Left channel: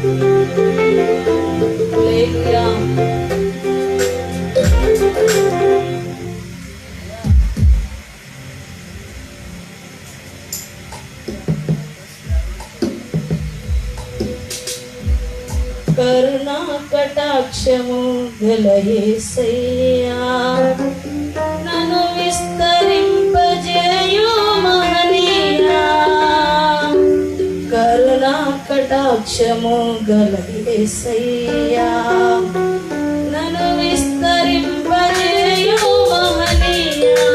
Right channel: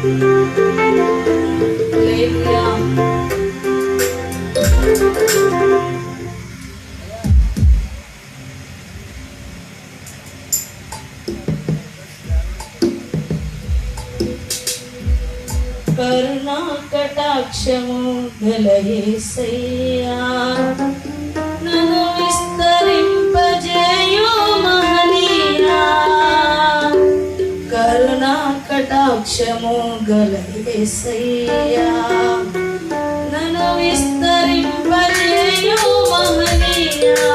కరుణా కటాక్షము గల యేసయ్యా నన్ను విస్తరింపజేయు మహనీయా. కరుణా కటాక్షము గల యేసయ్యా నన్ను విస్తరింపజేయు మహనీయా.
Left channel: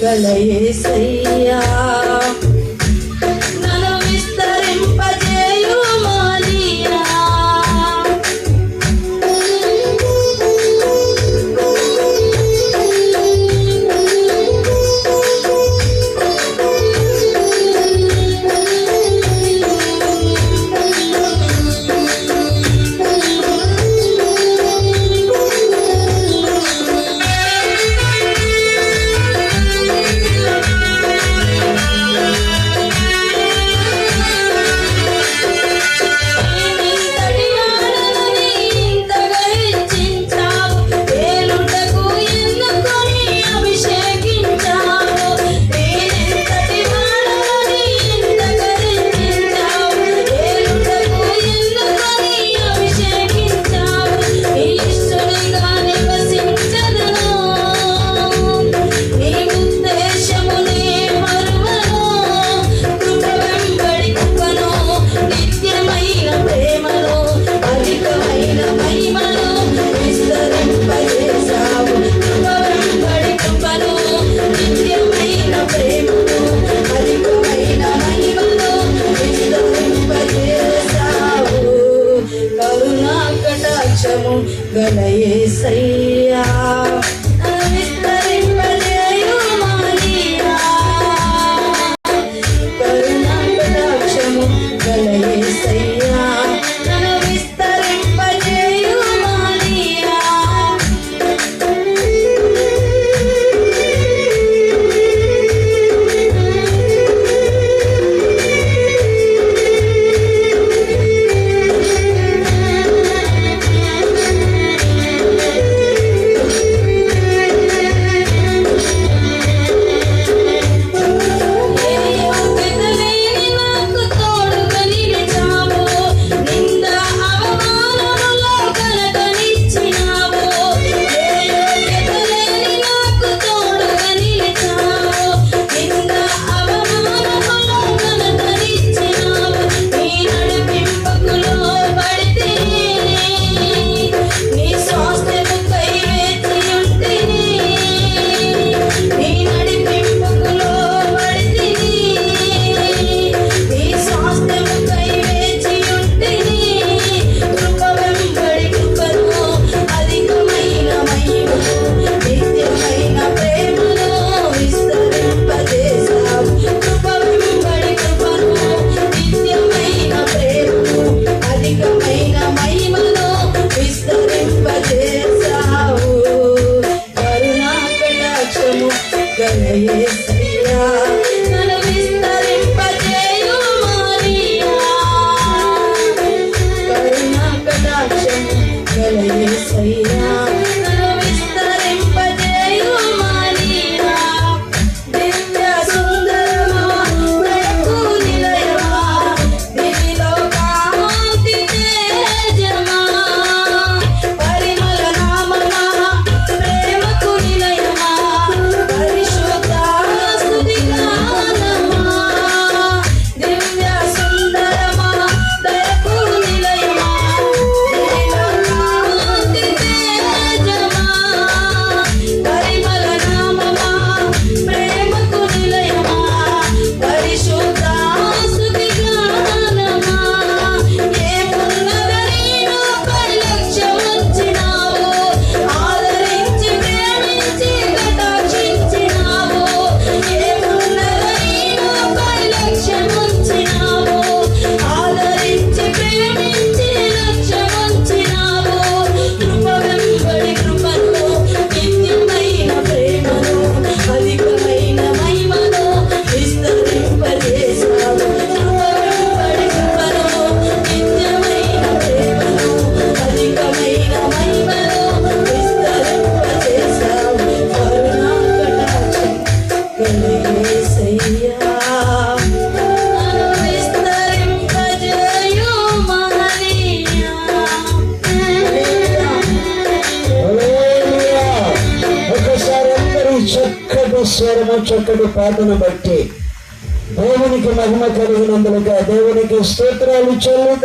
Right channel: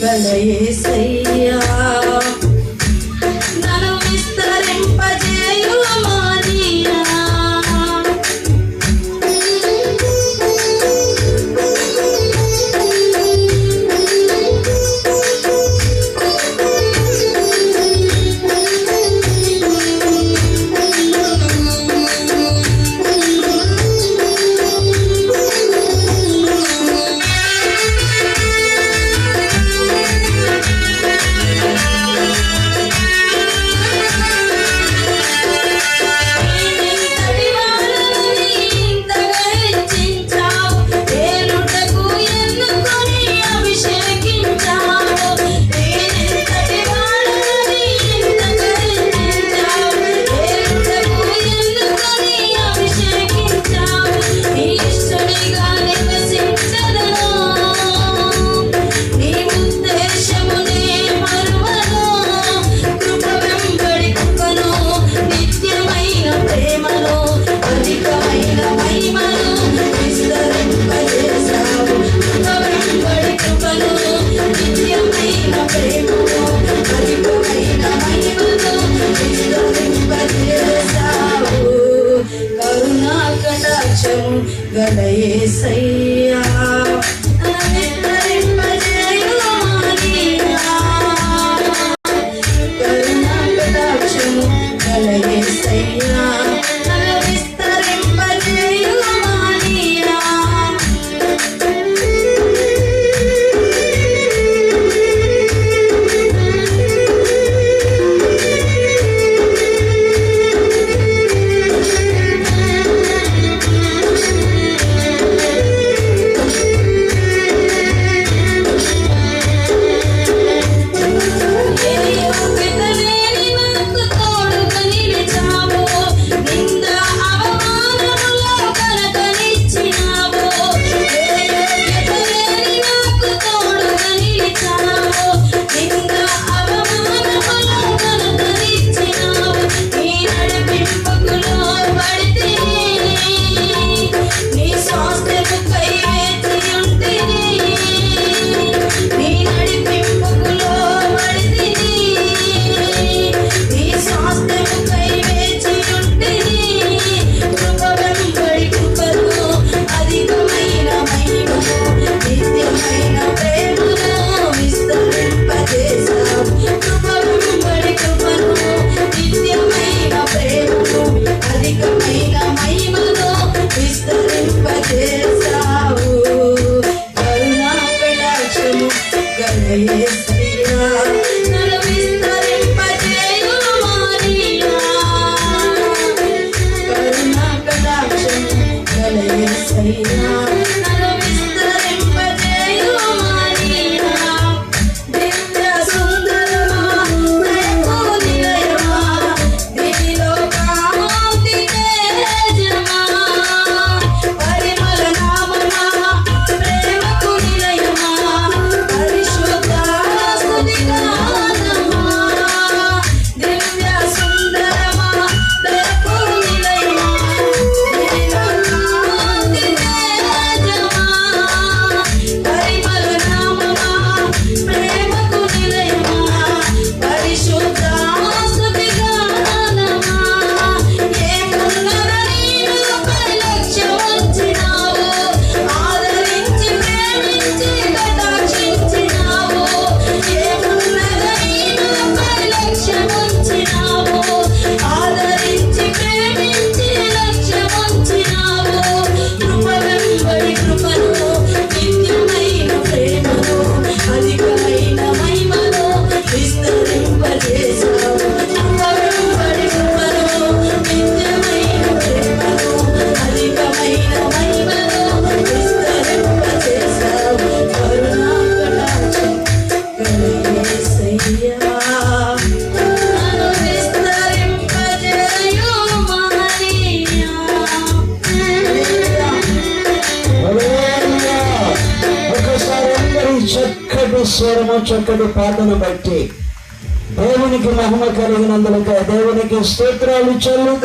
గల యేసయ్యా నన్ను విస్తరింపజేయు మహనీయా. గల యేసయ్యా విస్తరింపజేయు మహనీయా. కరుణా కటాక్షము గల యేసయ్యా నన్ను విస్తరింపజేయు మహనీయా. యేసయ్యా నన్ను విస్తరింపజేయు మానియా దివ్య సుందరమా దయకు నిలయమా నీలో కాంతి తేజమా పరిమళ నామమా ప్రేమకు నిలయమా పరిశుద్ధ స్తుతి గానమా దివ్య సుందరమా దయకు నిలయమా నీలో కాంతి తేజమా పరిమళ నామమా ప్రేమకు నిలయమా పరిశుద్ధ స్తుతి గానమా ఏమున్నదని నువ్వు పరిలక్ష్యమంచినావు ఆదరించి ప్రేమించి కటాక్షించినావు ఏమున్నదని నువ్వు పరిలక్ష్యమంచినావు ఆదరించి ప్రేమించి లక్ష్యమంచినావు కృప వెంబడి కృపను నిత్యమైన ప్రేమను అధికమైన మహిమను విస్తరింపజేశావు కృప వెంబడి కృపను నిత్యమైన ప్రేమను అధికమైన మహిమను విస్తరింపజేశావు కరుణా కటాక్షం యేసయ్యా నన్ను విస్తరింపజేయు మానియా హల్లెలూయా. ఒకసారి అందరూ చక్కటి స్వరము చక్కటి పాటలు బట్టి దేవునికి మహిమ కలిగినందులుగా దేవునికి స్తోత్రాలు చెల్లుగా